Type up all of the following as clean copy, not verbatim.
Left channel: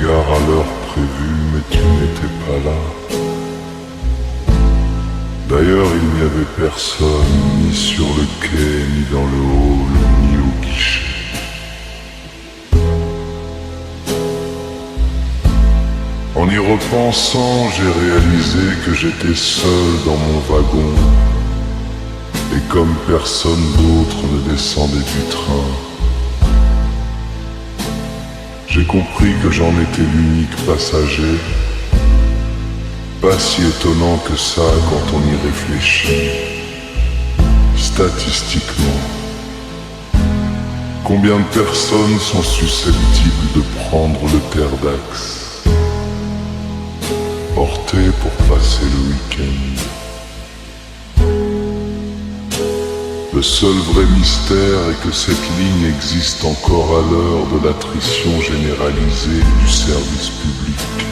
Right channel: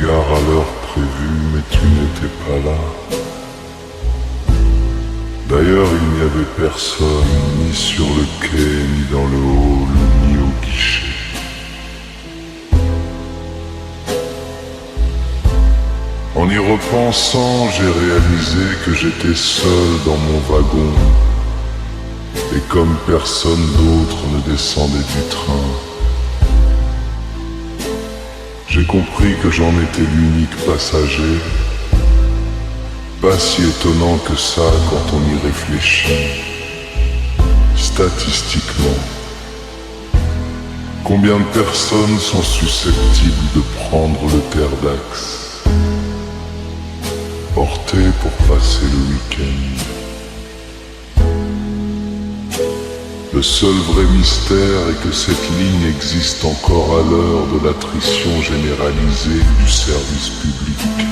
gare à l'heure prévue, mais tu n'étais pas là. D'ailleurs, il n'y avait personne, ni sur le quai, ni dans le hall, ni au guichet. En y repensant, j'ai réalisé que j'étais seul dans mon wagon. Et comme personne d'autre ne descendait du train, j'ai compris que j'en étais l'unique passager. Pas si étonnant que ça quand on y réfléchit. Statistiquement, combien de personnes sont susceptibles de prendre le Terre-d'Axe porté pour passer le week-end? Le seul vrai mystère est que cette ligne existe encore à l'heure de l'attrition généralisée du service public.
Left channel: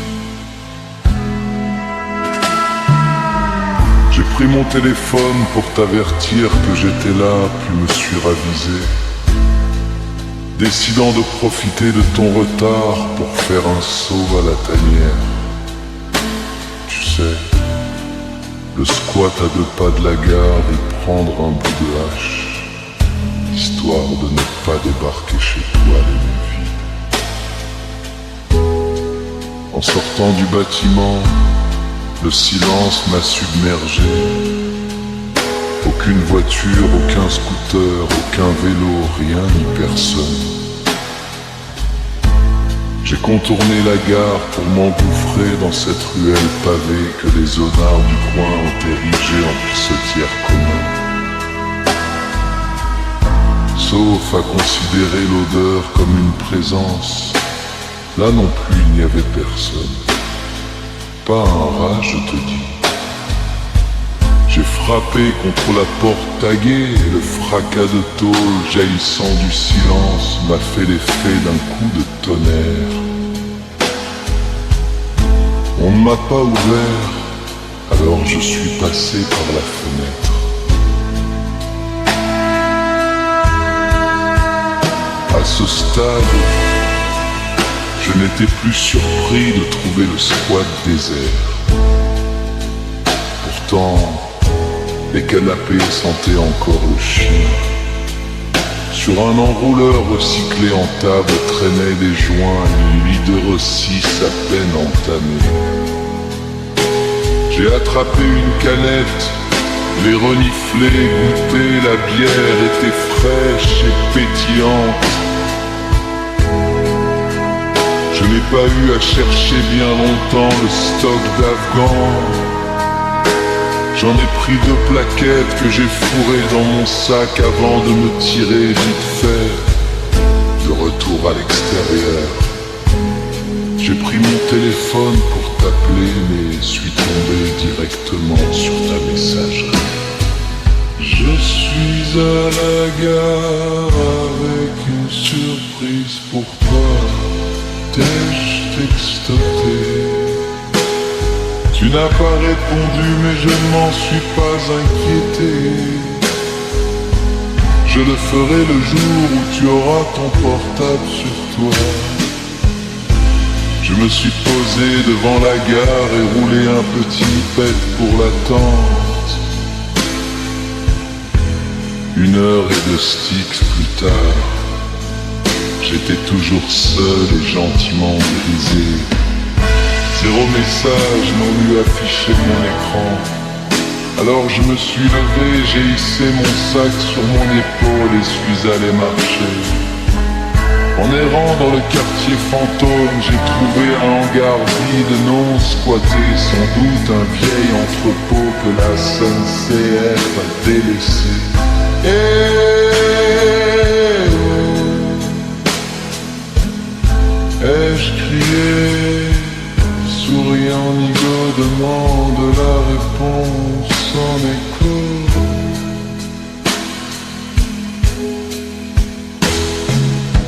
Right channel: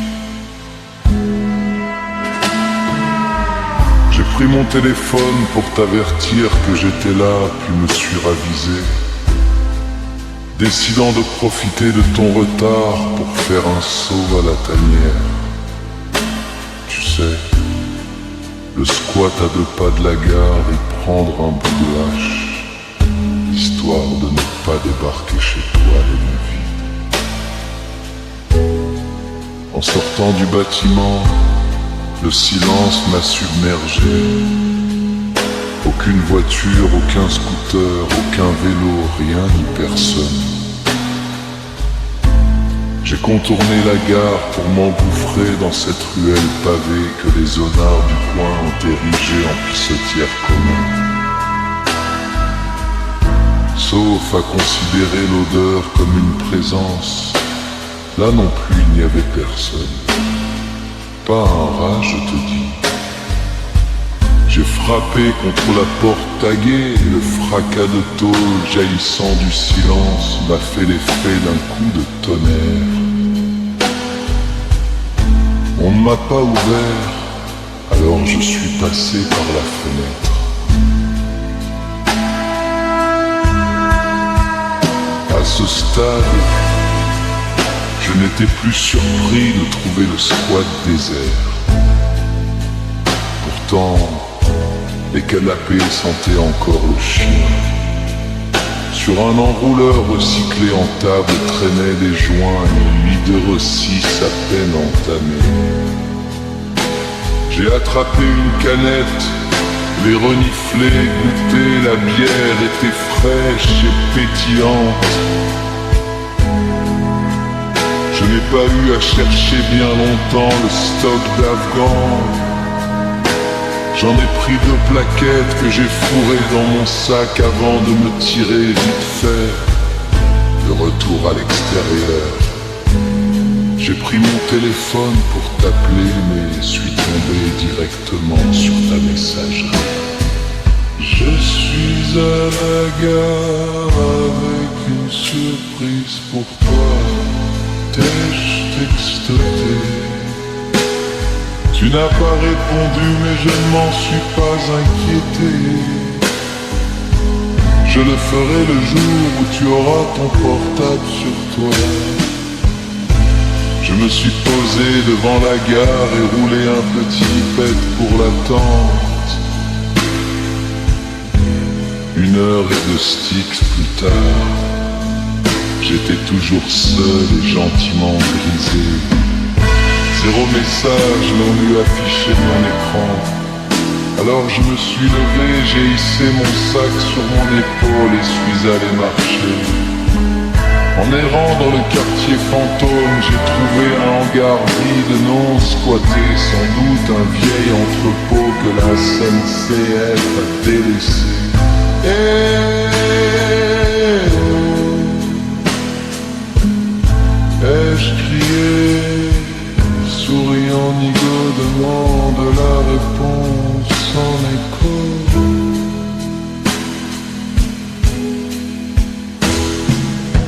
J'ai pris mon téléphone pour t'avertir que j'étais là, puis me suis ravisé, décidant de profiter de ton retard pour faire un saut à la tanière. Tu sais, le squat à 2 pas de la gare et prendre un bout de hache, histoire de ne pas débarquer chez toi les mains vides. En sortant du bâtiment, le silence m'a submergé. Aucune voiture, aucun scooter, aucun vélo, rien ni personne. J'ai contourné la gare pour m'engouffrer dans cette ruelle pavée que les zonards du coin ont érigée en pissotière commune. Sauf à considérer l'odeur comme une présence, là non plus il n'y avait personne. Pas un rat, je te dis. J'ai frappé contre la porte taguée et le fracas de tôle jaillissant du silence m'a fait l'effet d'un coup de tonnerre. On ne m'a pas ouvert, alors je suis passé par la fenêtre. À ce stade, je n'étais plus surpris de trouver le squat désert. Pourtant, les canapés sentaient encore le chien. Sur un enrouleur recyclé en table traînaient des joints, une nuit de rossis à peine entamée. J'ai attrapé une canette, les reniflé, goûté, la bière était fraîche et pétillante. Je n'ai pas eu à chercher bien longtemps le stock d'Afghan. J'en ai pris 2 plaquettes que j'ai fourrées dans mon sac avant de me tirer vite fait. De retour à l'extérieur, j'ai pris mon téléphone pour t'appeler, mais suis tombé directement sur ta messagerie. Je suis à la gare avec une surprise pour toi. T'ai-je textoté? Tu n'as pas répondu, mais je ne m'en suis pas inquiété. Je le ferai le jour où tu auras ton portable sur toi. Je me suis posé devant la gare et roulé un petit pet pour l'attente. 1 heure et 2 sticks plus tard, j'étais toujours seul et gentiment brisé. 0 message non lui affiché mon écran. Alors je me suis levé, j'ai hissé mon sac sur mon épaule et suis allé marcher. En errant dans le quartier fantôme, j'ai trouvé un hangar vide non squatté, sans doute un vieil entrepôt que la SNCF a délaissé. Ai-je crié, souriant, Nigo demande la réponse en écho.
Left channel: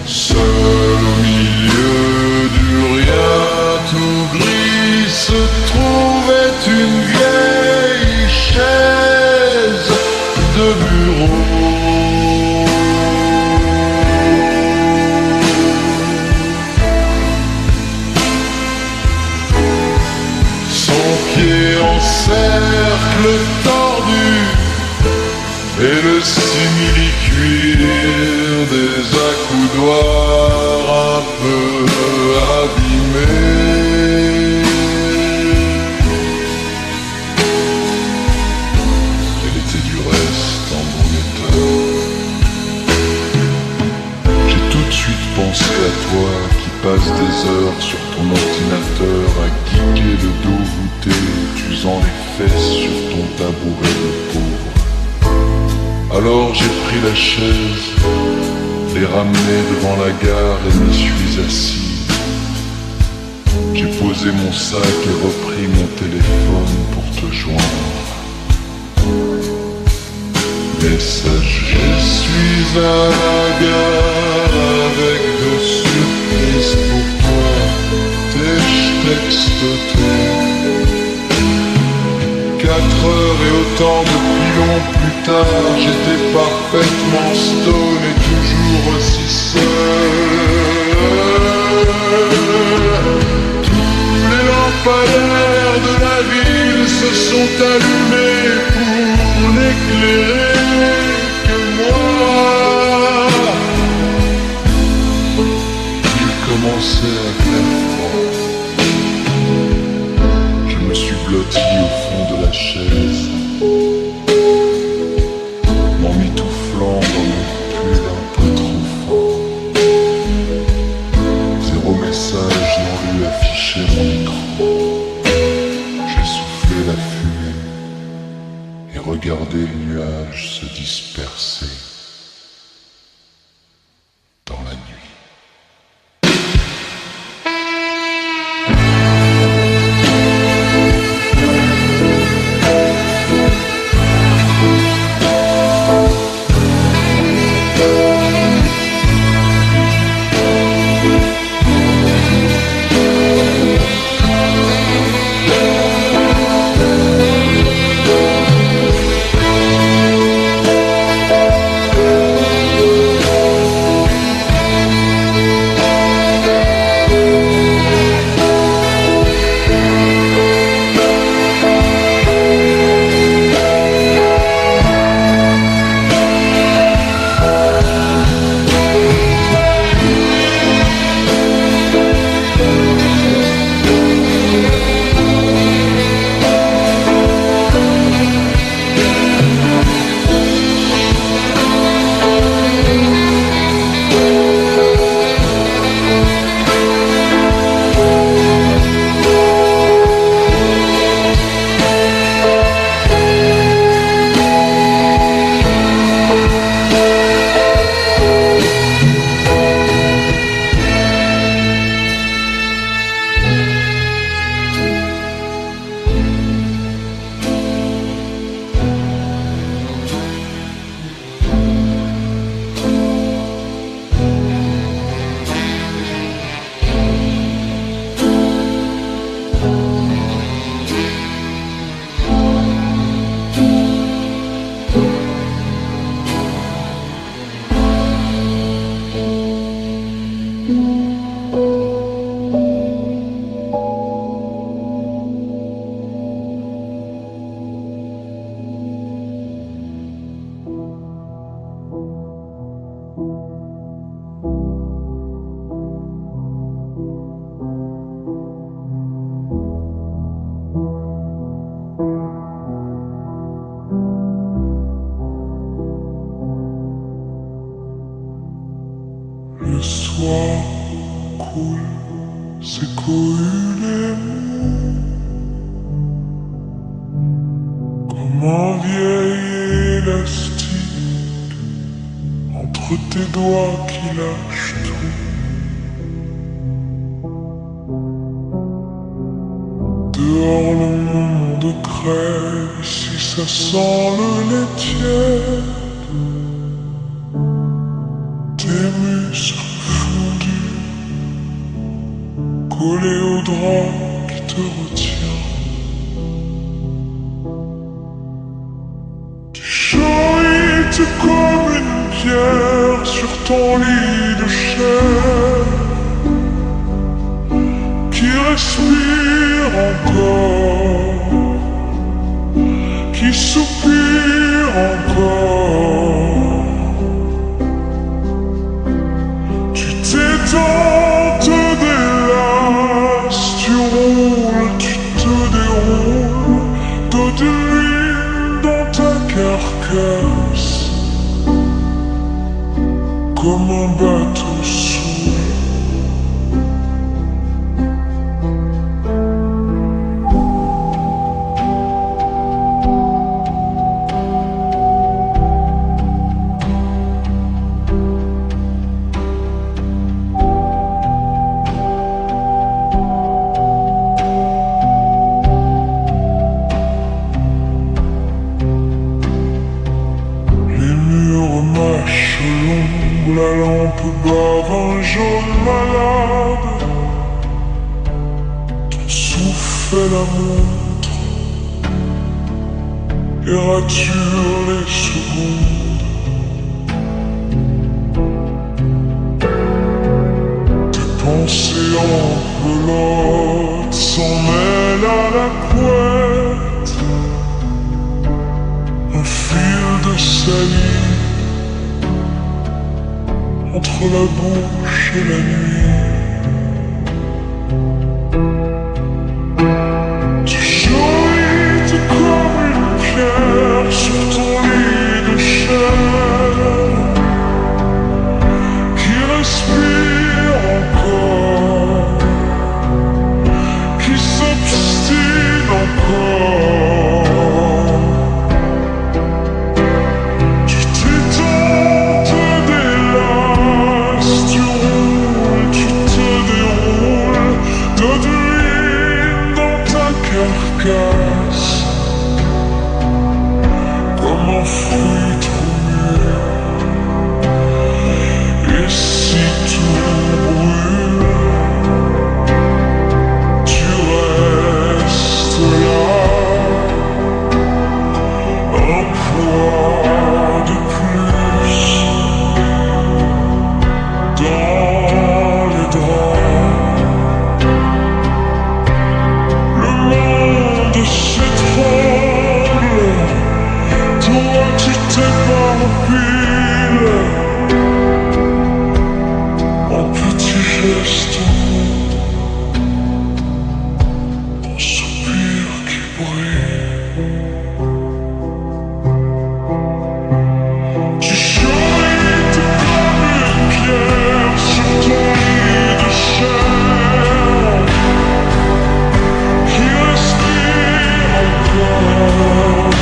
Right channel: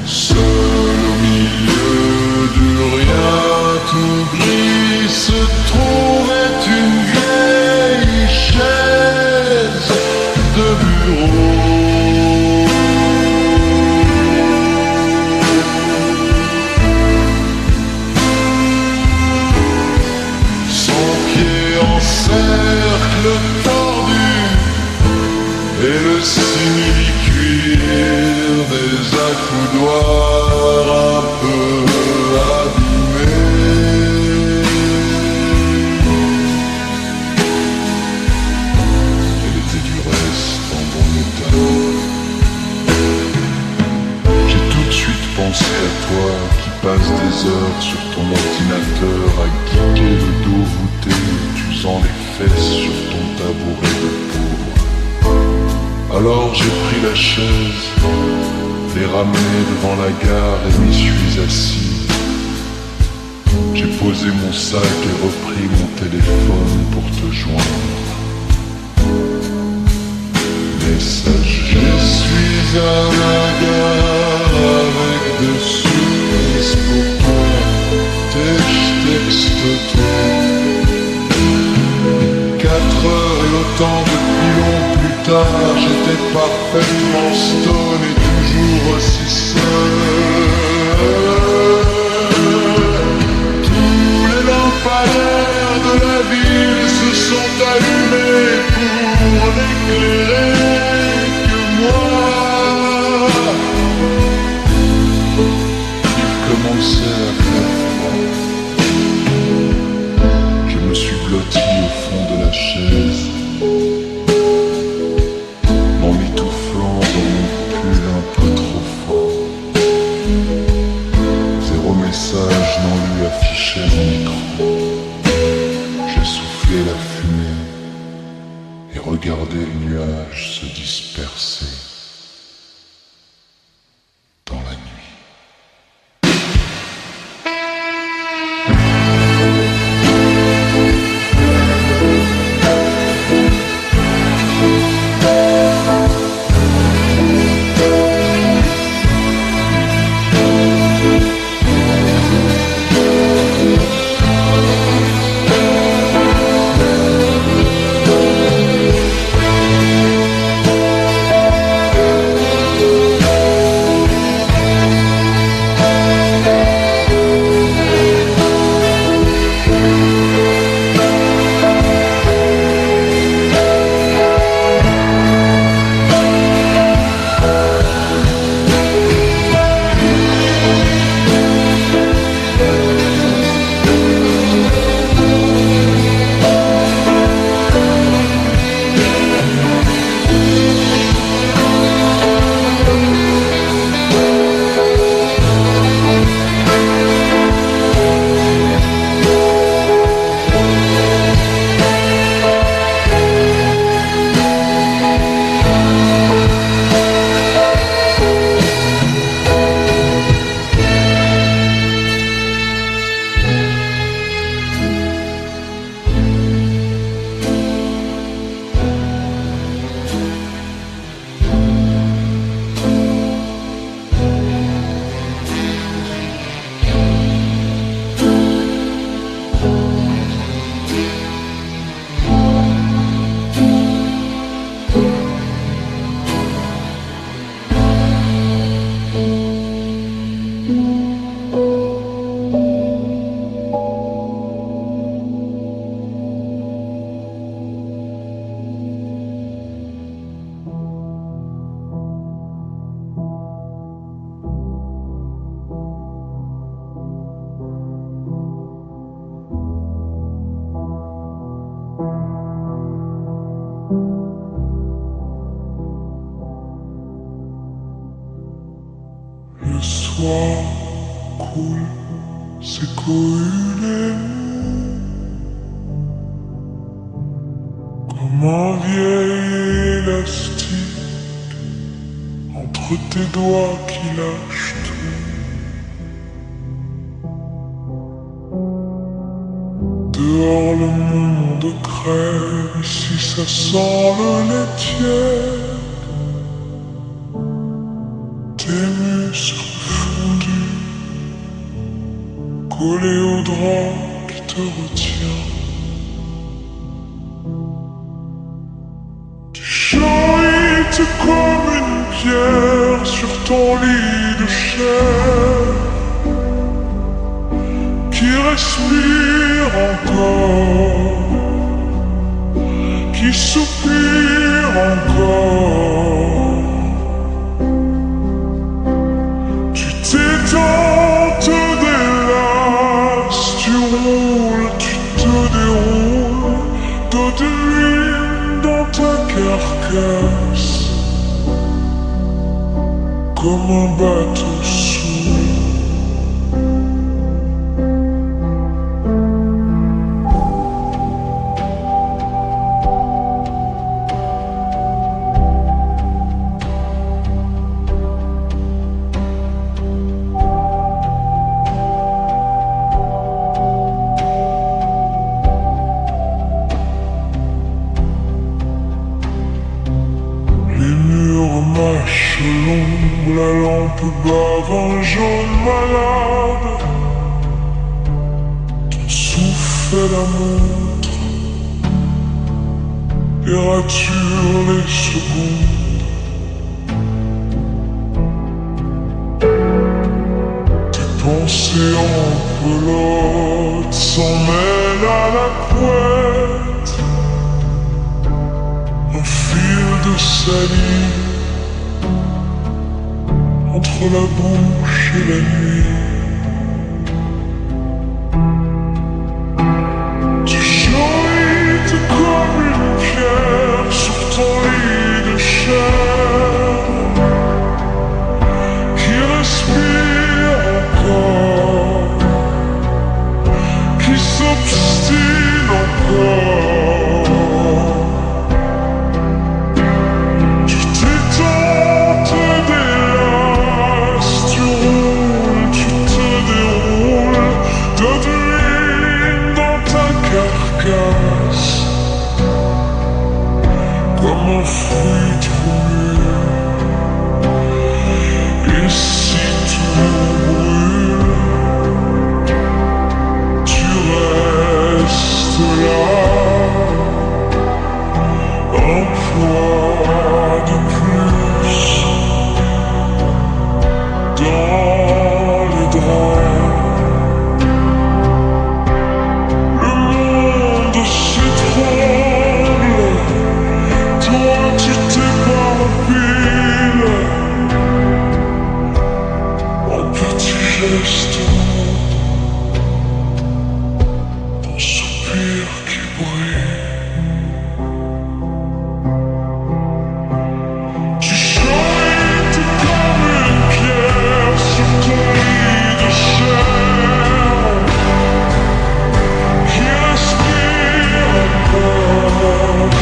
Seul au milieu du rien tout gris se trouvait une vieille chaise de bureau. Son pied en cercle tordu et le simili-cuir des accoudoirs un peu abîmés. Elle était du reste en bon état. J'ai tout de suite pensé à toi qui passe des heures sur ton ordinateur à geeker le dos voûté, t'usant les fesses sur ton tabouret de pauvre. Alors j'ai pris la chaise, l'ai ramenée devant la gare et m'y suis assis. J'ai posé mon sac et repris mon téléphone pour te joindre. Message, je suis à la gare avec de surprises pour toi. Textoté. 4 heures et autant de pilons plus tard, j'étais parfaitement stone et toujours aussi seul. Tous les lampadaires de la ville se sont allumés pour n'éclairer que moi. Il commençait à faire froid. Je me suis blotti au fond de la chaise, m'emmitouflant dans mon pull un peu trop fort. 0 message non lu affichait mon écran. J'ai soufflé la fumée et regardé les nuages se disperser dans la nuit. Le soir coule, ses coulées comme un vieil élastique entre tes doigts qui lâchent tout. Dehors le monde crève, ici ça sent le lait tiède. Tes muscles fondus, collés au drap qui te retient. Tu chahuites comme une pierre sur ton lit de chair qui qui respire encore, qui soupire encore. Tu t'étends, te délasses, tu roules, tu te déroules, d'eau de l'huile dans ta carcasse, comme un bateau saoul. Les murs mâchent l'ombre, la lampe bave un jaune malade. Ton souffle fait la montre et rature les secondes. Tes pensées en pelote s'en mêlent à la couette. Un fil de salive entre la bouche et la nuit. Tu chorites comme une pierre sur ton lit de chair qui respire encore, qui s'obstine encore. D'eau d'huile dans ta carcasse, comme un fruit trop mûr. Et si tout brûle, tu restes là, un poids de plus dans les draps. S'étrangle, toi tu t'éparpilles en petits gestes mous, en soupirs qui brillent. Tu chorites comme une pierre sur ton lit de chair qui respire encore,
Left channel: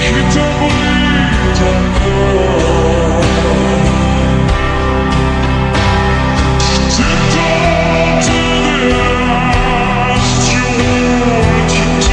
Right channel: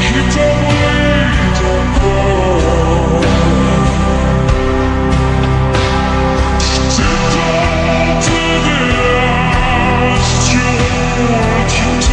qui t'abrite encore. Tu t'étends, te délasses, tu roules, tu te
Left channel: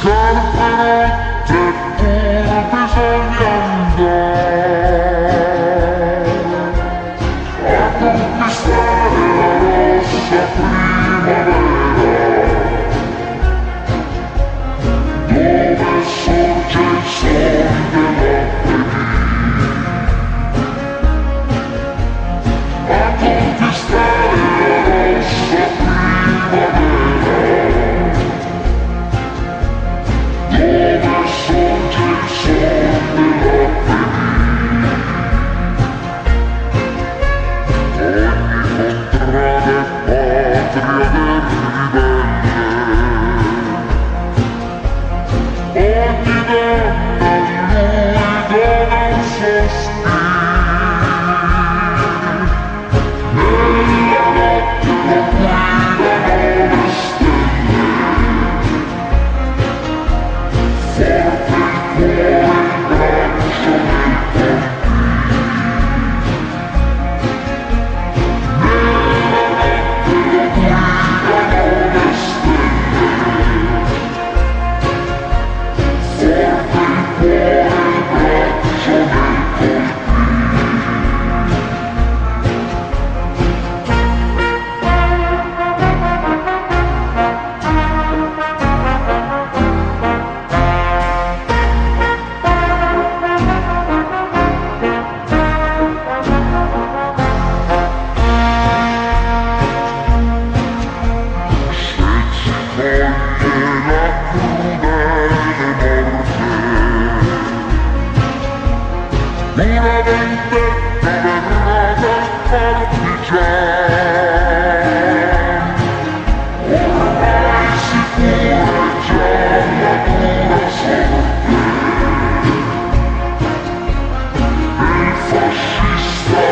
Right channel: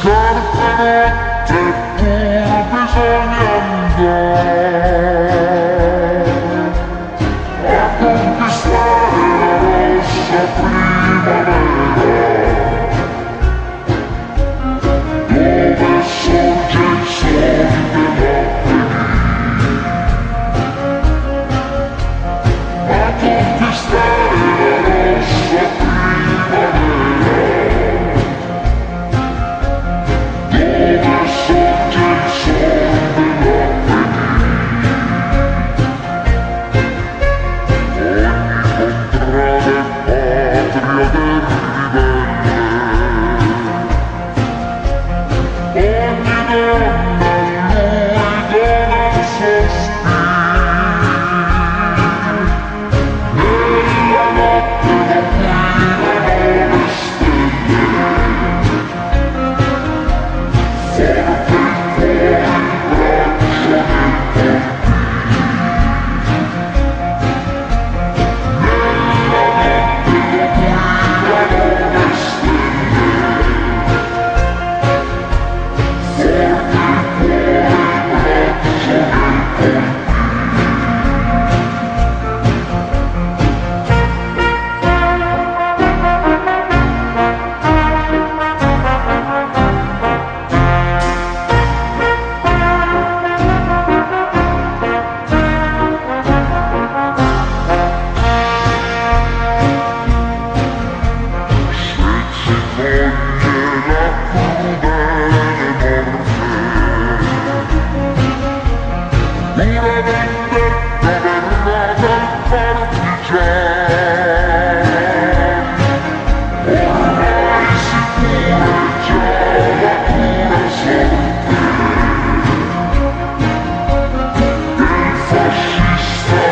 scarpe rotte pur bisogna andare a conquistare la rossa primavera, dove sorge il sole dell'Apennino, a conquistare la rossa primavera, dove sorge il sole dell'Apennino. Ogni contrada è patria del ribelle, ogni donna a lui dona un sospiro, nella notte lo guidano le stelle, forte il cuore, il braccio nel colpire, nella notte lo guidano le stelle, forte il cuore, il braccio nel colpire. Se ci coglie la crudele morte, una vendetta verrà dal partigian, ormai sicura è già la dura sorte del fascista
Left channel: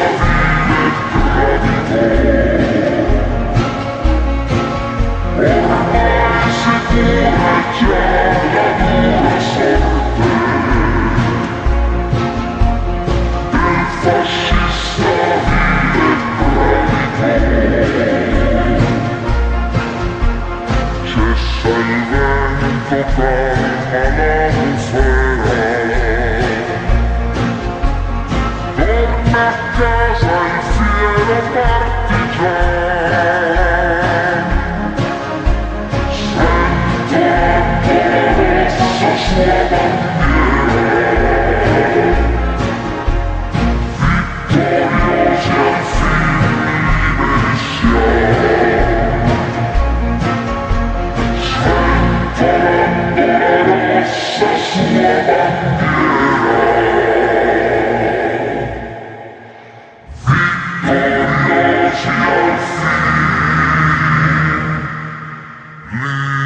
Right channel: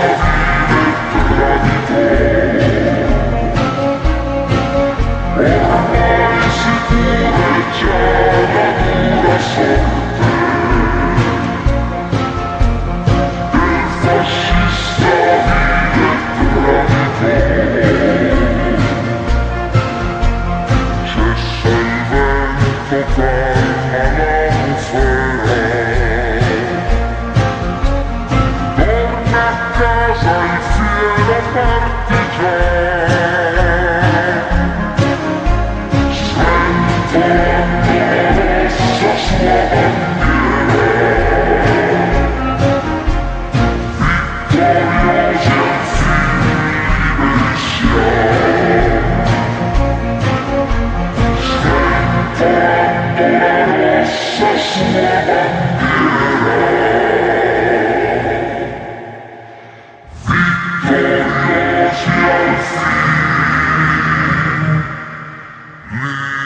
vile traditore. Ormai sicura è già la dura sorte del fascista vile traditore. Cessa il vento, calma la bufera, torna a casa il fiero partigian, sventolando la rossa sua bandiera, vittoriosi al fin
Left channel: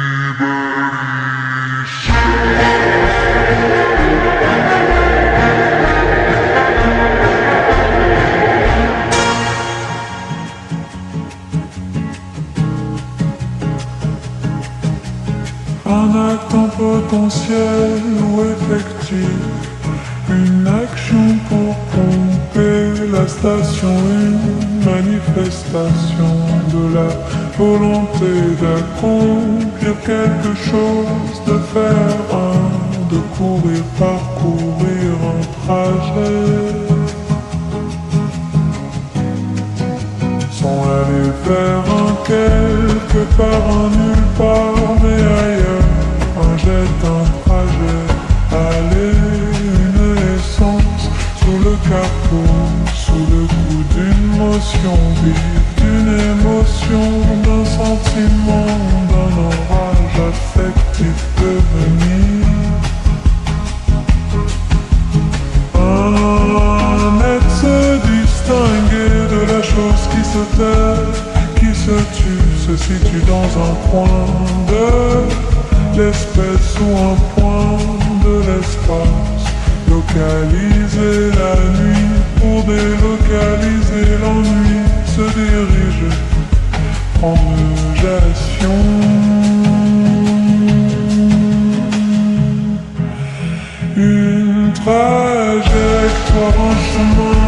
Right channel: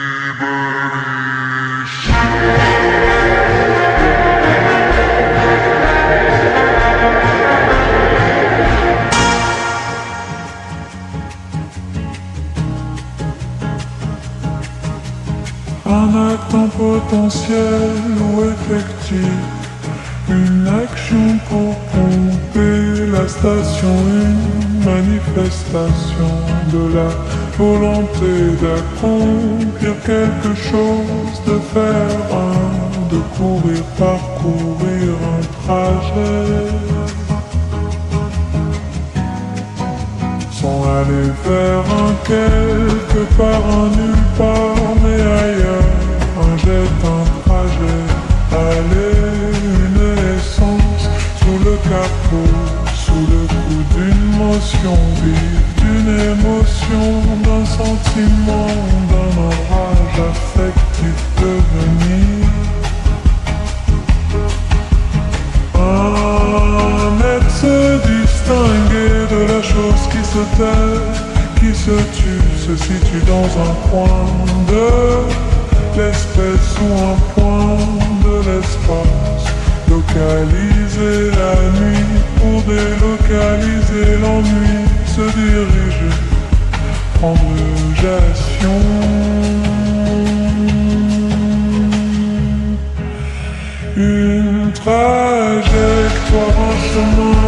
liberi siamo, sventolando la rossa sua bandiera, vittoriosi al fin liberi Un acte en potentiel ou effectif, une action pour pomper la station, une manifestation de la volonté d'accomplir quelque chose, de faire de courir, parcourir un trajet. Sont allés vers un quelque part, un nulle part, mais ailleurs, un jet, un trajet, aller, une essence, sous le capot, sous le coup d'une motion vive, d'une émotion, d'un sentiment, d'un orage affectif devenir. Un être se distinguer de la chose qui se tait, qui se tue, se situe dans un coin de l'espèce ou un point de l'espace. Localiser la nuit pour délocaliser l'ennui, se diriger, prendre gestion. Une trajectoire, un chemin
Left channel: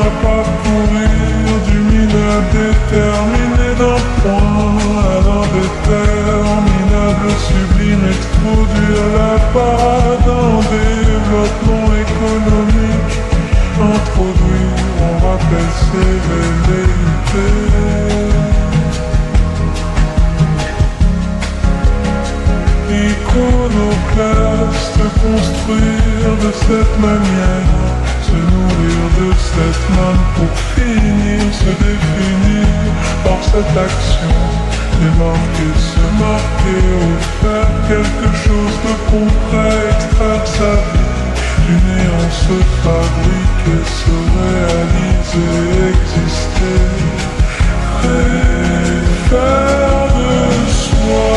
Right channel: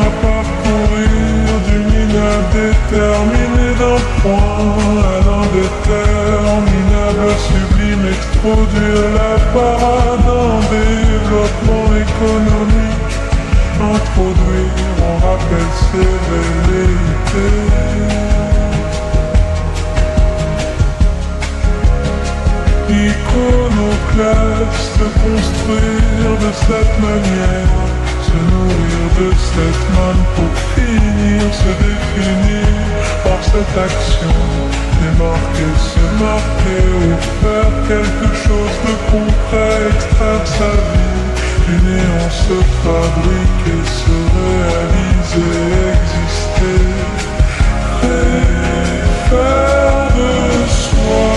à parcourir, du minable déterminé d'un point à l'indéterminable sublime extrême. introduire la parade en développement économique, introduire, on rappelle ses velléités. Iconoclaste, construire de cette manière, se nourrir de cette manne pour finir, se définir par cette action, démarquer, se marquer ou faire quelque chose de concret, extraire sa vie du néant, se fabriquer, se réaliser, exister, créer, faire de soi.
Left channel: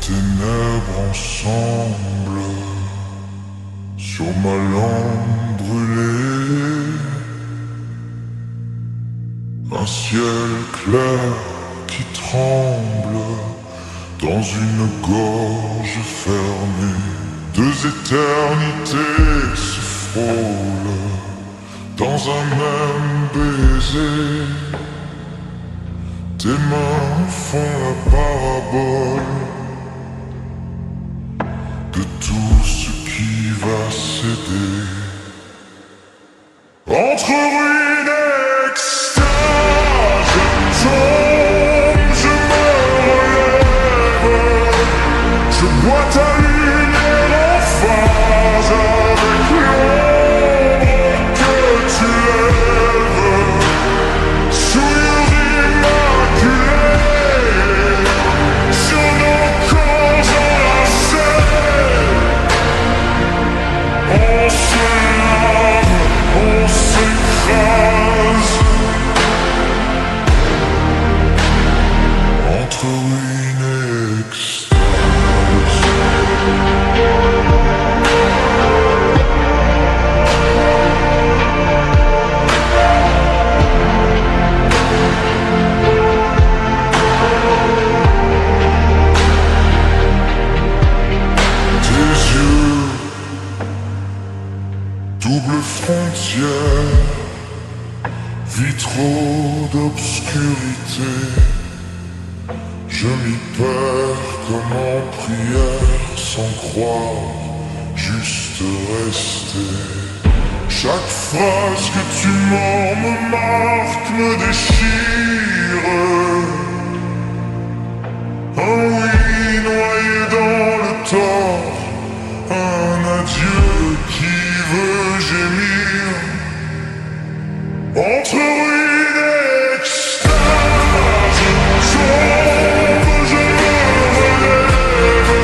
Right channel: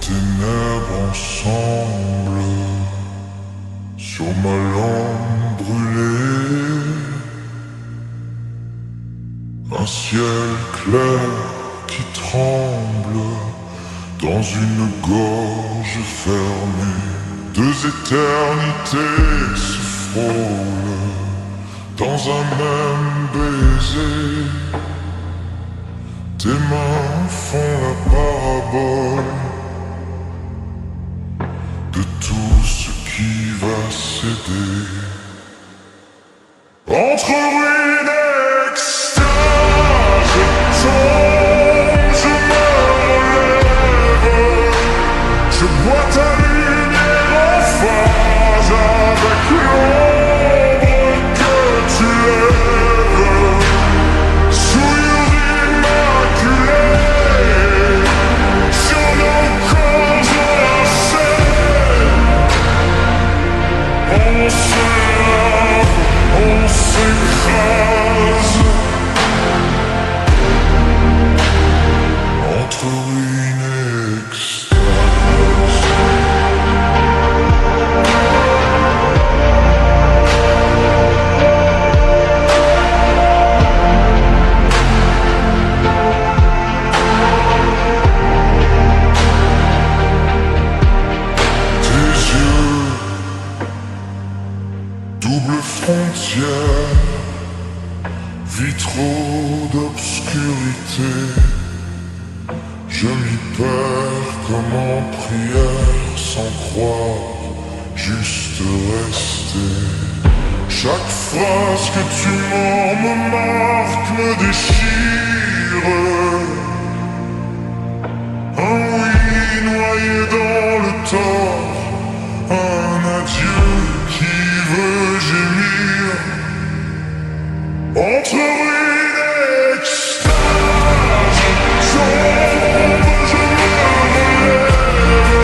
Ténèbres ensemble, sur ma lampe brûlée, un ciel clair qui tremble dans une gorge fermée, deux éternités se frôlent dans un même baiser, tes mains font la parabole de tout ce qui va céder. Entre ruines et extase, je tombe, je me relève, je bois ta lumière en phase avec l'ombre que tu lèves. Souillure immaculée sur nos corps enlacés. On se lave, on s'écrase entre ruines et extase. Double frontière, vitraux d'obscurité, je m'y perds comme en prière sans croire, juste rester. Chaque phrase que tu mords me marque, me déchire. Un oui noyé dans le tort, un adieu qui veut gémir. Entre ruines et extase, sombre, je me relève.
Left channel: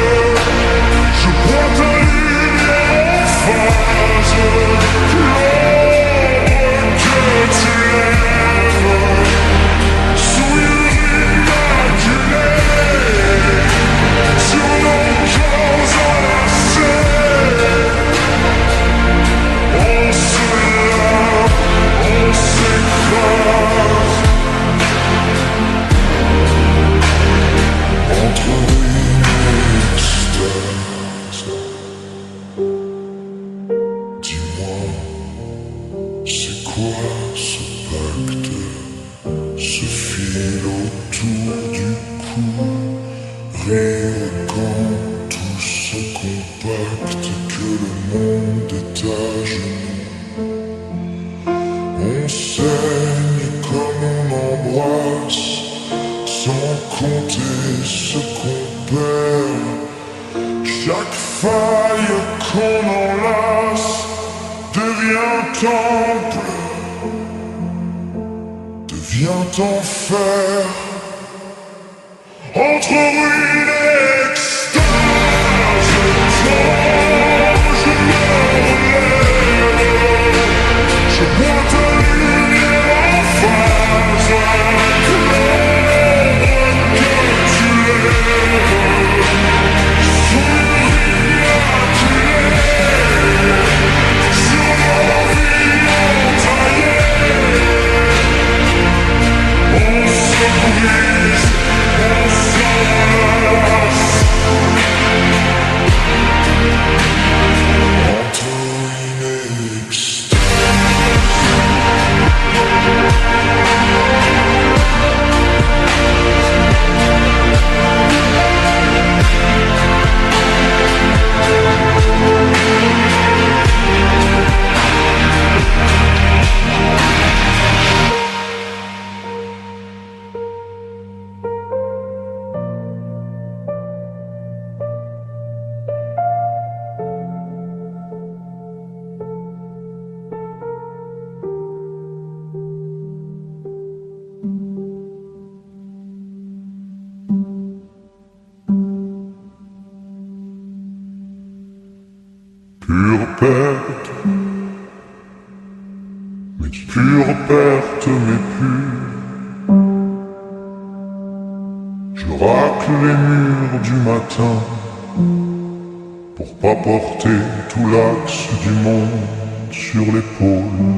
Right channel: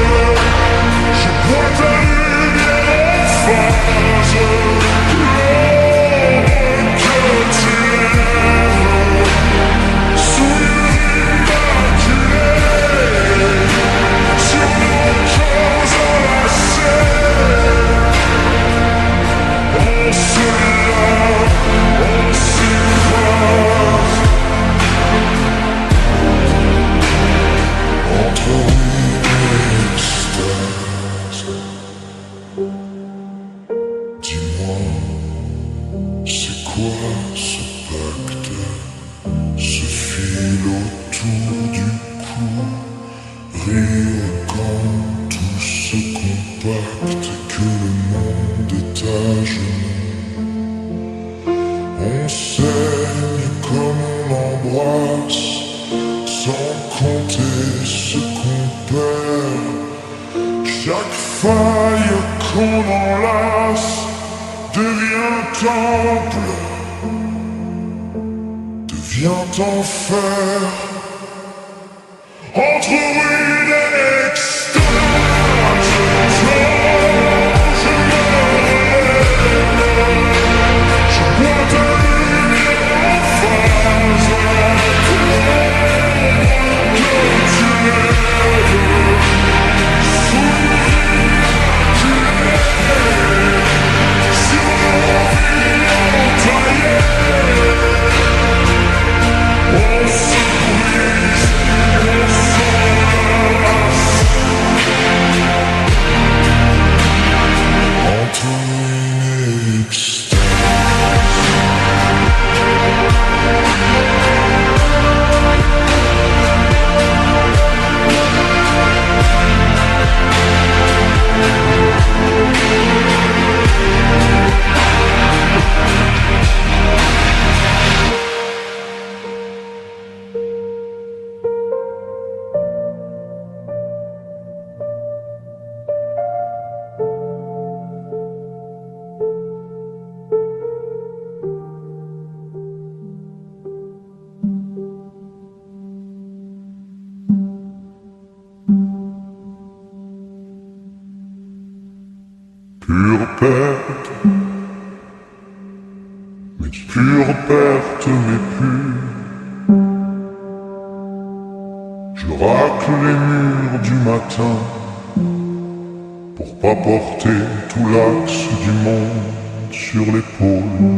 Je bois ta lumière en phase, l'ombre que tu lèves. Souillure immaculée, sur nos corps enlacés. On se lave, on s'écrase. Entre ruines et extase. Dis-moi, c'est quoi ce pacte, ce fil autour du cou, rire quand tout se compacte, que le monde est à genoux. On saigne comme on embrasse, sans compter ce qu'on perd. Chaque faille qu'on enlace devient temple, devient enfer. Entre ruines et extase, tombe, je me relève. Je bois ta lumière en phase, avec l'ombre que tu lèves. Souillure immaculée, sur nos vies entaillées. On se brise, on s'enlace. Entre ruines et extase. Pure perte, mais pure perte, mais pure. Je racle les murs du matin pour pas porter tout l'axe du monde sur l'épaule.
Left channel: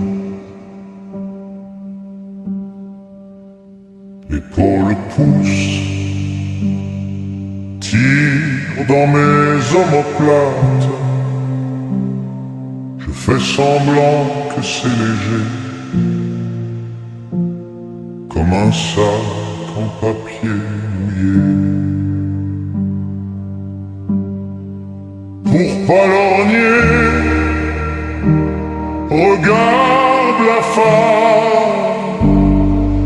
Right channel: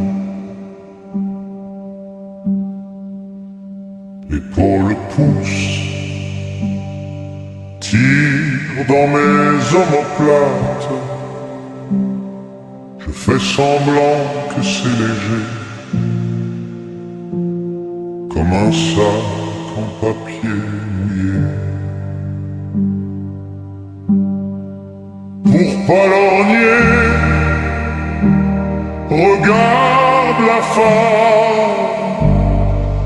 L'épaule pousse, tire dans mes omoplates. Je fais semblant que c'est léger, comme un sac en papier mouillé. Pour pas lorgner, regarde la femme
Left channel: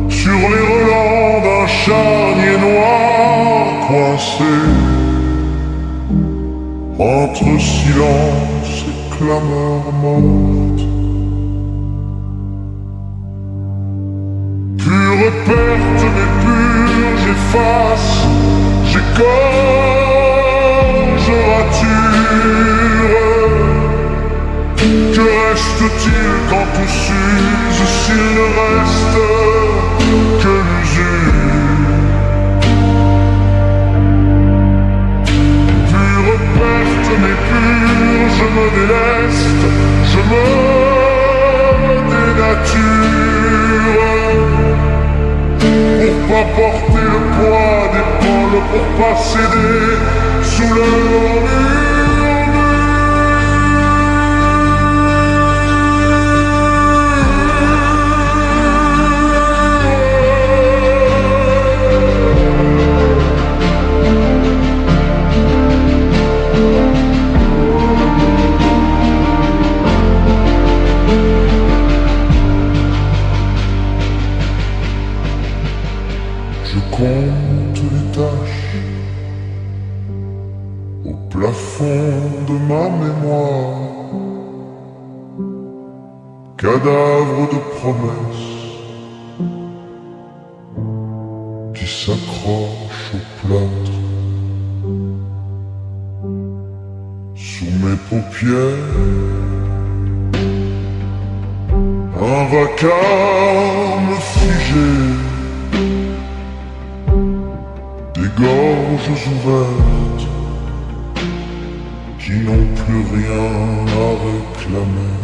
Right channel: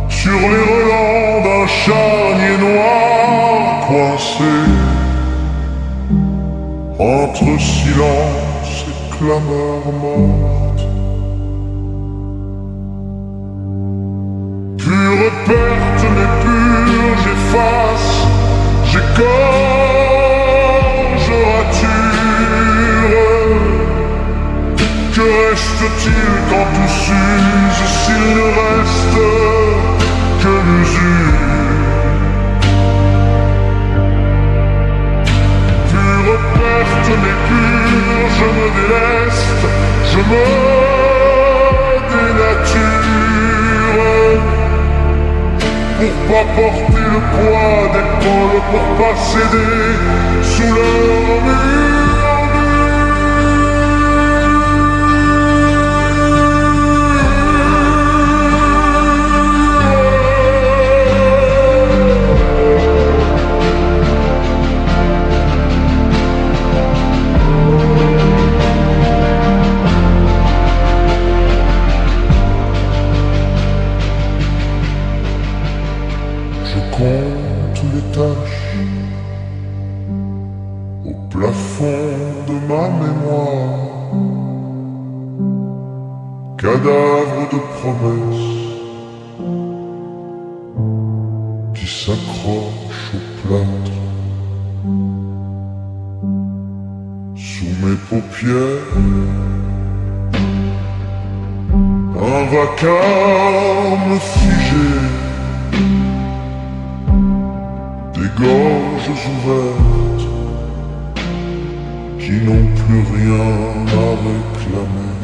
sur les relents d'un charnier noir coincé entre silence et clameur morte. Pure perte mais pure, j'efface, j'égorge, rature. Que reste-t-il quand tout s'use, s'il ne reste que l'usure? Pure perte mais pure, je me déleste, je me dénature. Pour pas porter le poids d'épaules, pour pas céder sous leur mur. Je compte les taches au plafond de ma mémoire, cadavre de promesses qui s'accroche au plâtre. Sous mes paupières, un vacarme figé, des gorges ouvertes qui n'ont plus rien à réclamer.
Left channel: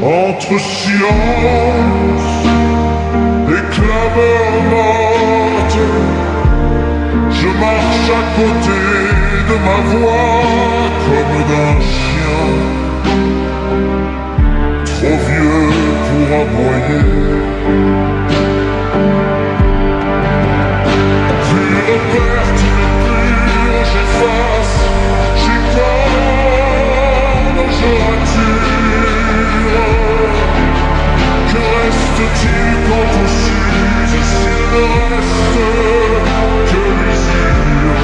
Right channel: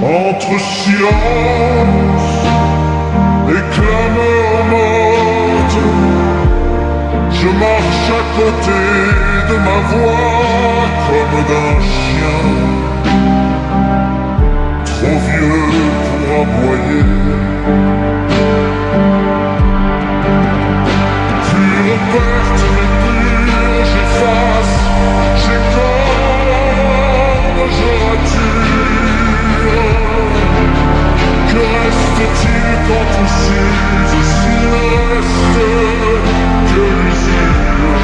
Entre silence et clameurs mortes, je marche à côté de ma voix comme d'un chien, trop vieux pour aboyer. Pure perte mais pure, j'efface, j'écorne, je rature. Que reste-t-il quand on s'use s'il ne reste que l'usure?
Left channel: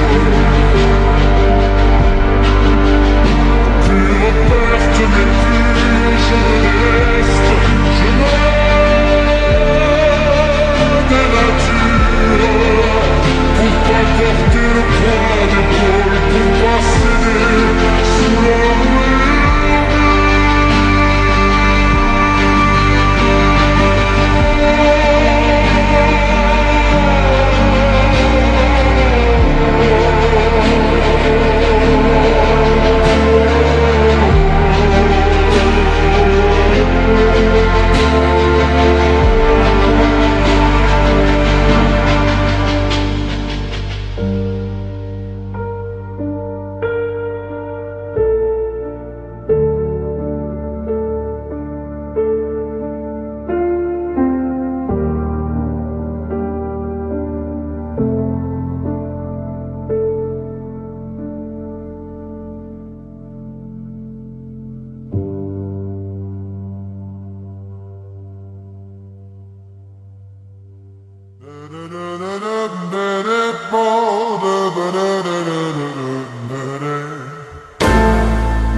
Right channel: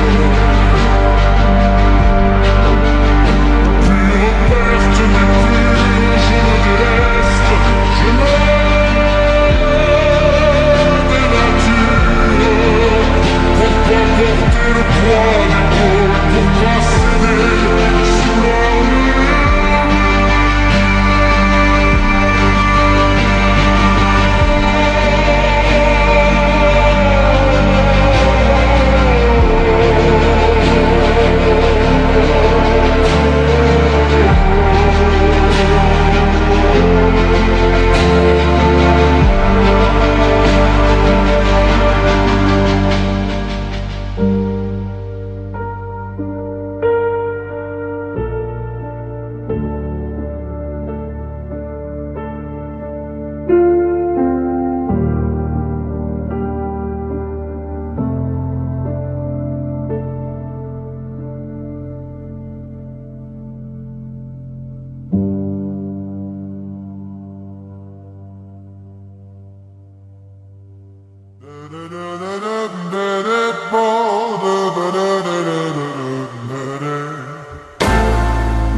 Pure perte mais pure, je me déleste, je me dénature, pour pas porter le poids d'épaule, pour pas céder sous leur murmure.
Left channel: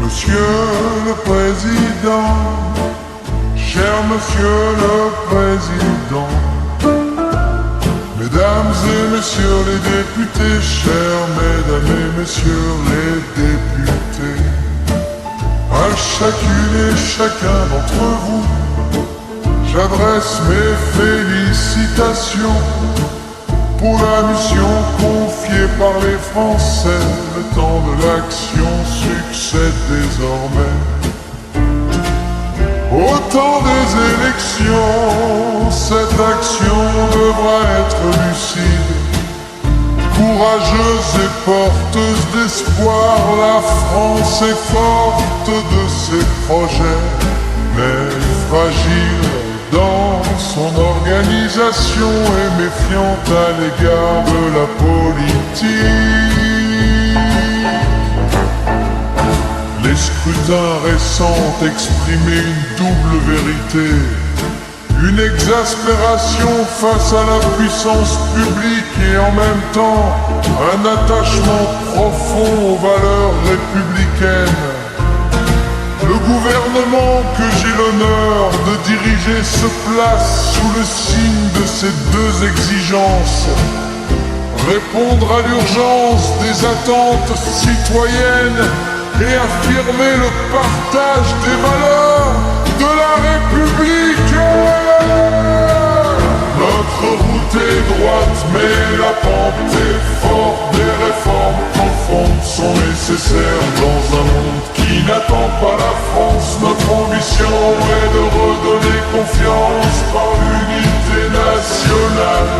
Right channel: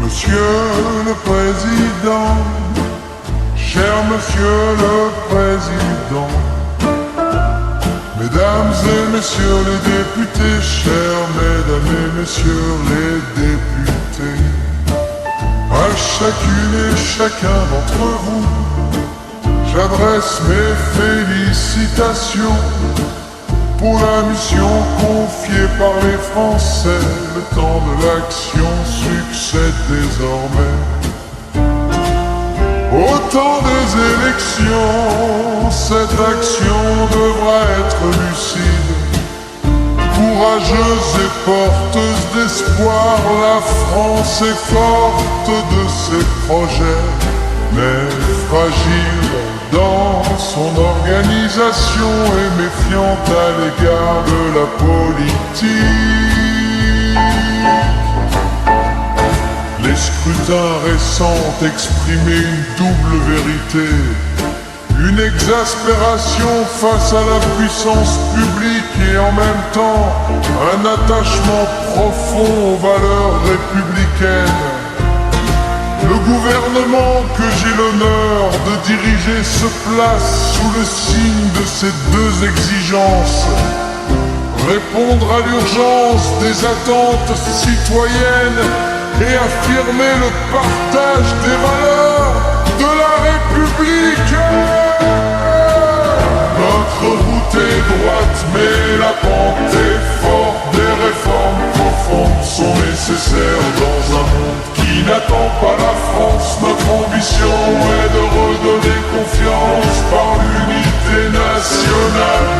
Monsieur le Président, cher Monsieur le Président, Mesdames et Messieurs les députés, chers Mesdames et Messieurs les députés, à chacune et chacun d'entre vous, j'adresse mes félicitations pour la mission confiée par les Français. Le temps de l'action succède désormais au temps des élections. Cette action devra être lucide, courageuse et porteuse d'espoir. La France est forte de ses projets, mais fragile dans son organisation et méfiante à l'égard de la politique. Les scrutins récents exprimaient une double vérité, une exaspération face à la puissance publique et en même temps un attachement profond aux valeurs républicaines. Le gouvernement que j'ai l'honneur de diriger se place sous le signe de ces deux exigences: répondre à l'urgence des attentes citoyennes et affirmer le partage des valeurs de la République. Notre route est droite, mais la pente est forte. Des réformes profondes sont nécessaires dans un monde qui n'attend pas la France. Notre ambition est de redonner confiance par l'unité nationale.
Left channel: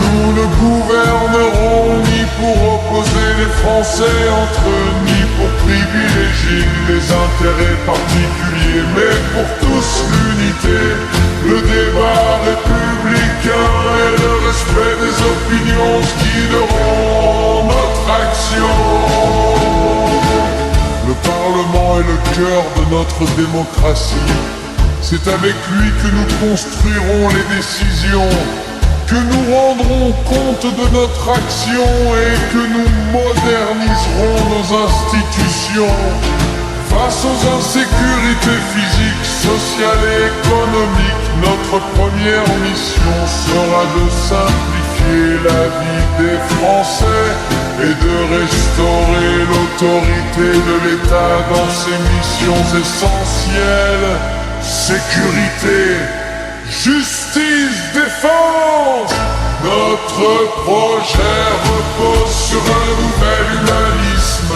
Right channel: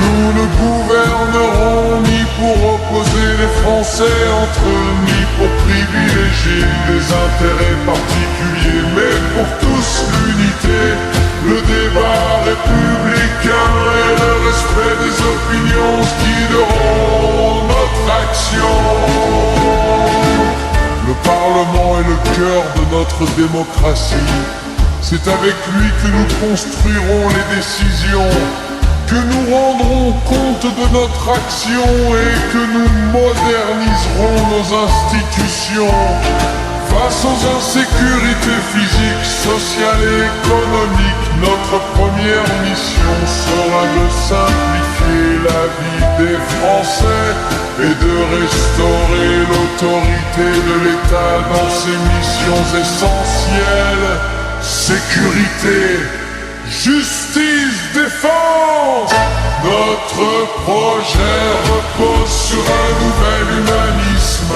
Nous ne gouvernerons ni pour opposer les Français entre eux, ni pour privilégier les intérêts particuliers, mais pour tous l'unité, le débat républicain et le respect des opinions qui guideront notre action. Le Parlement est le cœur de notre démocratie. C'est avec lui que nous construirons les décisions, que nous rendrons compte de notre action et que nous moderniserons nos institutions. Face aux insécurités physiques, sociales et économiques, notre première mission sera de simplifier la vie des Français et de restaurer l'autorité de l'État dans ses missions essentielles: sécurité, justice, défense. Notre projet repose sur un nouvel humanisme,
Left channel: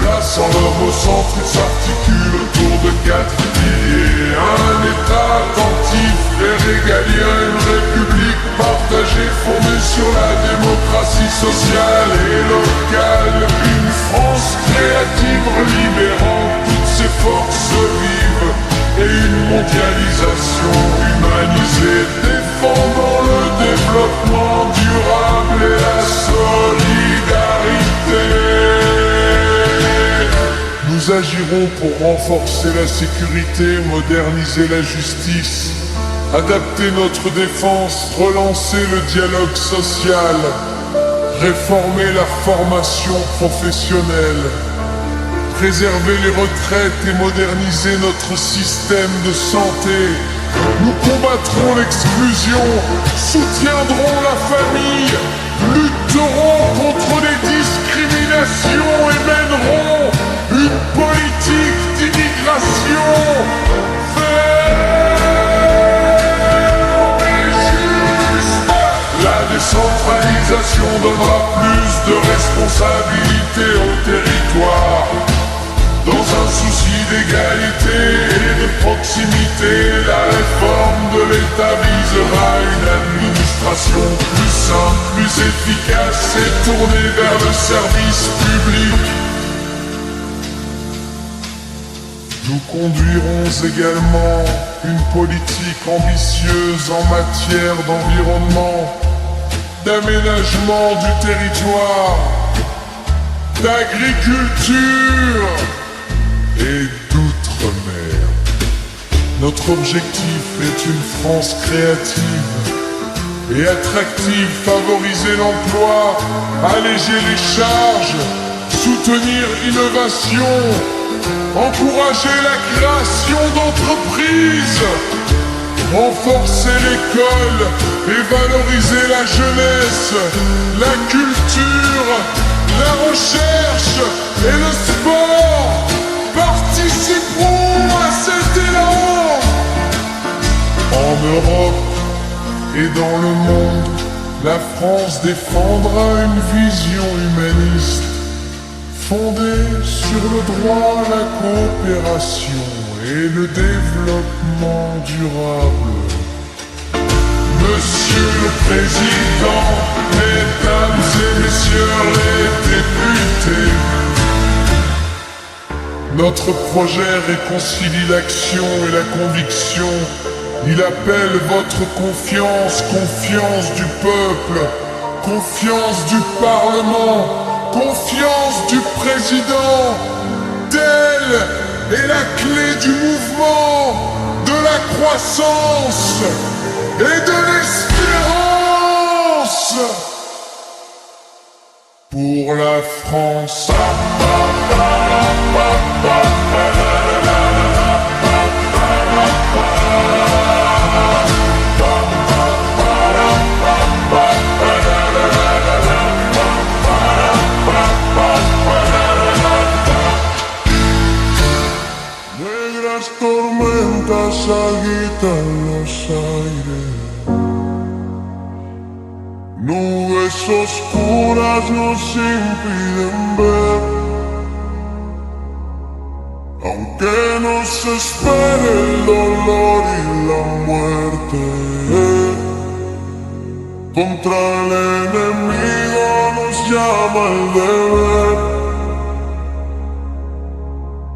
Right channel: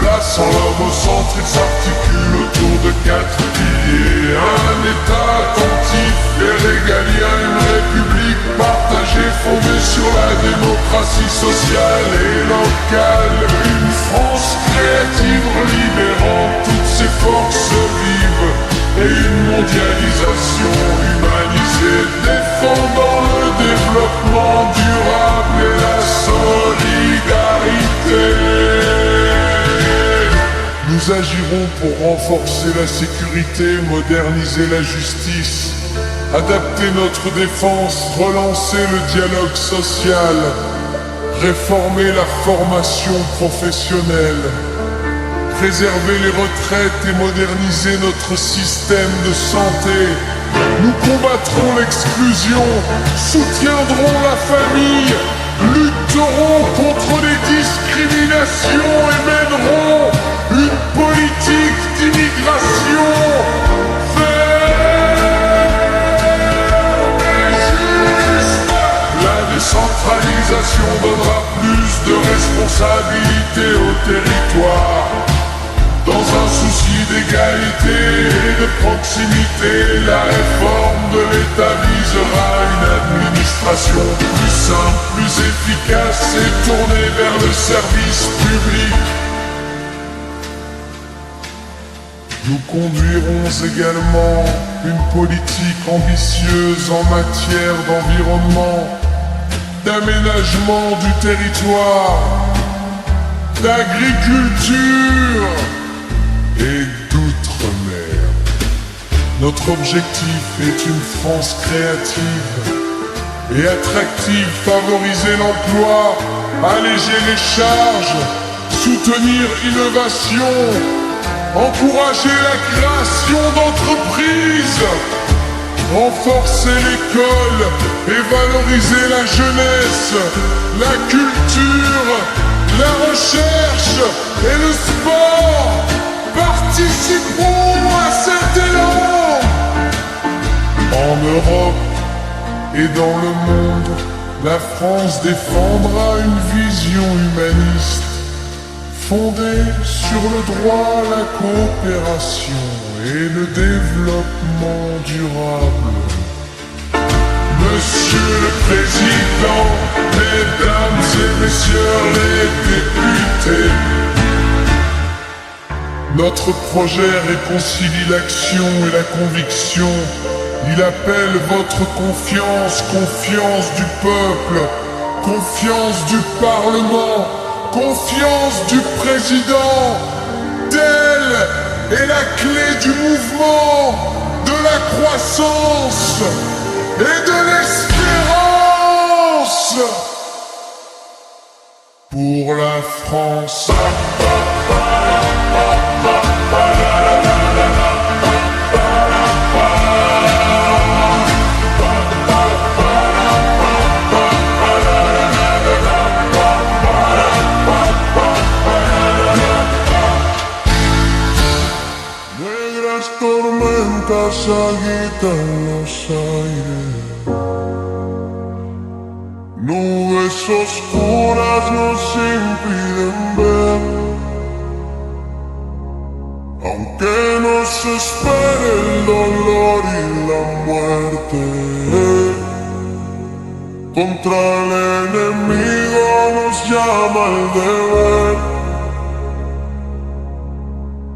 plaçant l'homme au centre. Il s'articule autour de 4 piliers: un État attentif et régalien, une république partagée fondée sur la démocratie sociale et locale, une France créative libérant toutes ses forces vives, et une mondialisation humanisée défendant le développement durable et la solidarité. Nous agirons pour renforcer la sécurité, moderniser la justice, adapter notre défense, relancer le dialogue social, réformer la formation professionnelle, préserver les retraites et moderniser notre système de santé. Nous combattrons l'exclusion, soutiendrons la famille, lutterons contre les discriminations et mènerons une politique d'immigration ferme et juste. La décentralisation donnera plus de responsabilités au territoire. Dans un souci d'égalité et de proximité, la réforme de l'État visera une administration plus simple, plus efficace et tournée vers le service public. Nous conduirons également une politique ambitieuse en matière d'environnement, d'aménagement du territoire, d'agriculture et d'outre-mer. Notre objectif est une France créative et attractive, favoriser l'emploi, alléger les charges, soutenir l'innovation, encourager la création d'entreprises, renforcer l'école et valoriser la jeunesse, la culture, la recherche et le sport. Participeront à cet élan. En Europe et dans le monde, la France défendra une vision humaniste fondée sur le droit, la coopération et le développement durable. Monsieur le Président, Mesdames et Messieurs les députés, notre projet réconcilie l'action et la conviction. Il appelle votre confiance, confiance du peuple, confiance du Parlement, confiance du Président. Telle est la clé du mouvement, de la croissance et de l'espérance pour la France. Tormentas agitan los aires, nubes oscuras nos impiden ver, aunque nos espere el dolor y la muerte. Contra el enemigo nos llama el deber.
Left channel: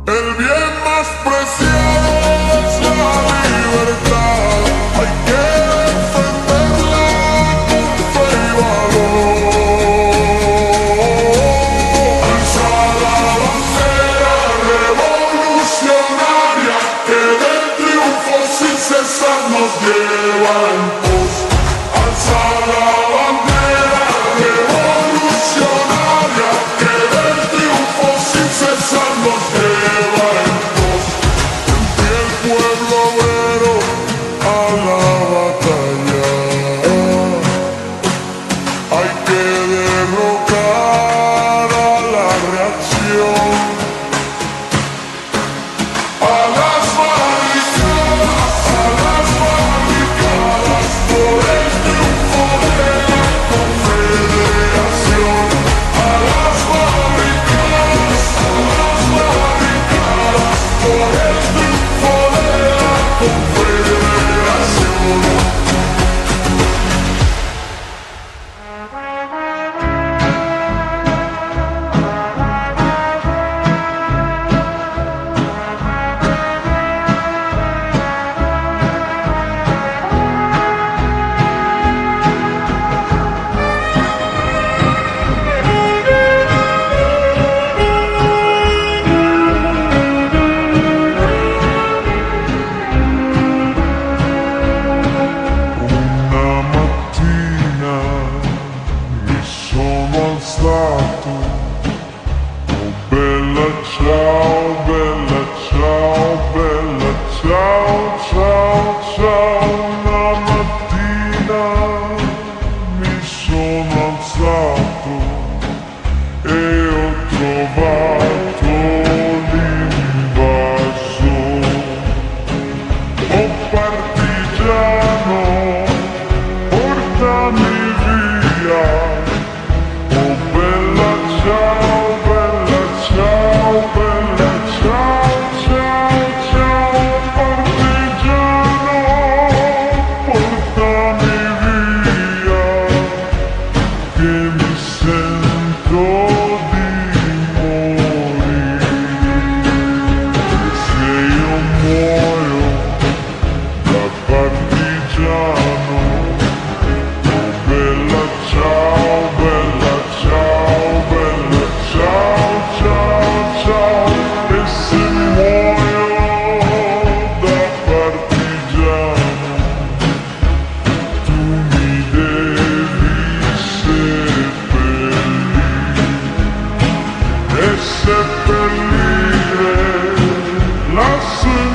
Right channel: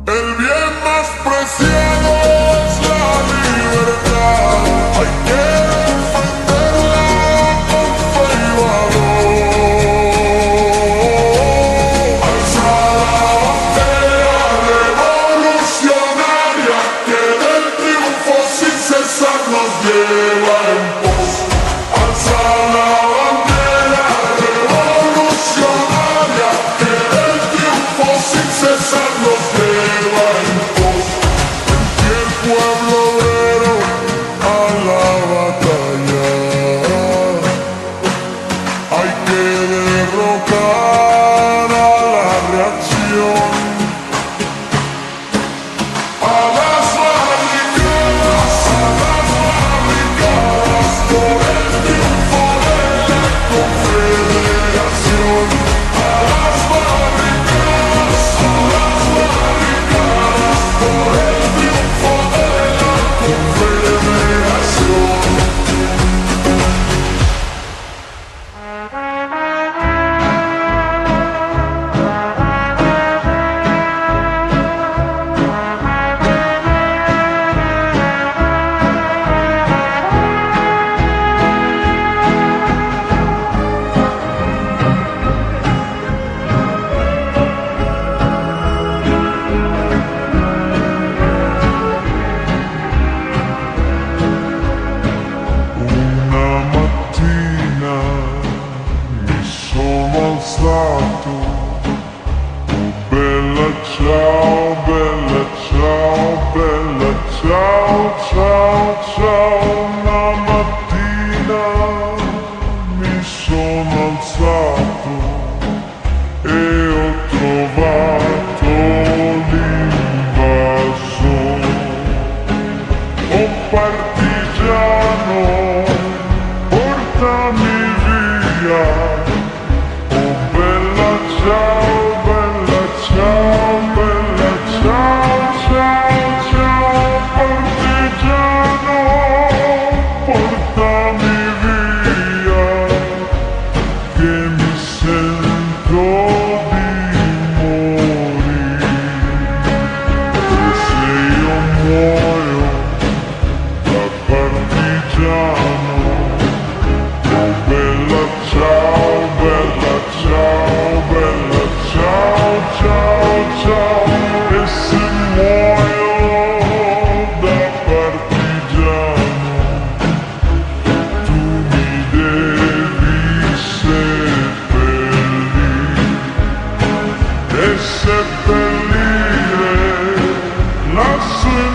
El bien más preciado es la libertad. Hay que defenderla con fe y valor. Alza la bandera revolucionaria que del triunfo sin cesar nos lleva en pos. Alza la bandera revolucionaria que del triunfo sin cesar nos lleva en pos. swim.